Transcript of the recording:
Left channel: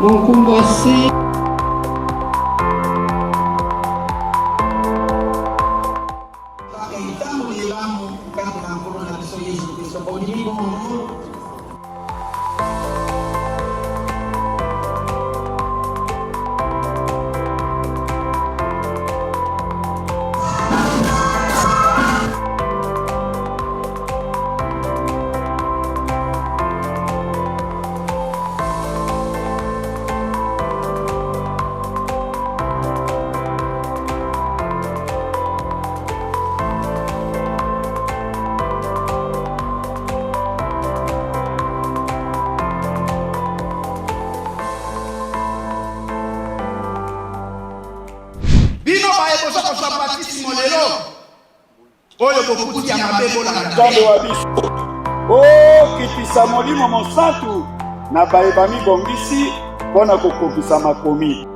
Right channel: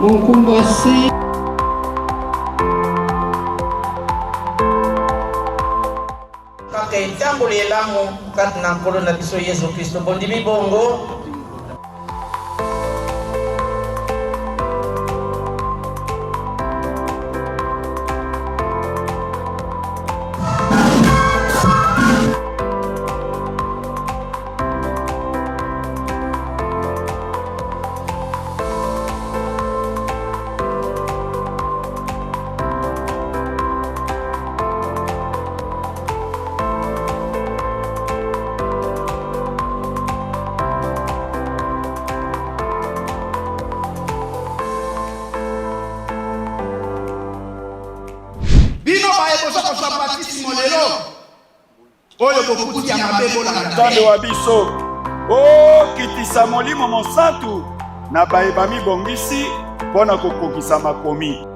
Monkumbosi. Kay tambuli lang kat ng kolon na biso Yesu Kristo po di bongo. Oyo bokuti ya mabebo la ntondo wa biso okitisa molimo mosantu na bayeba mibongisi mpona kokokisa makomi.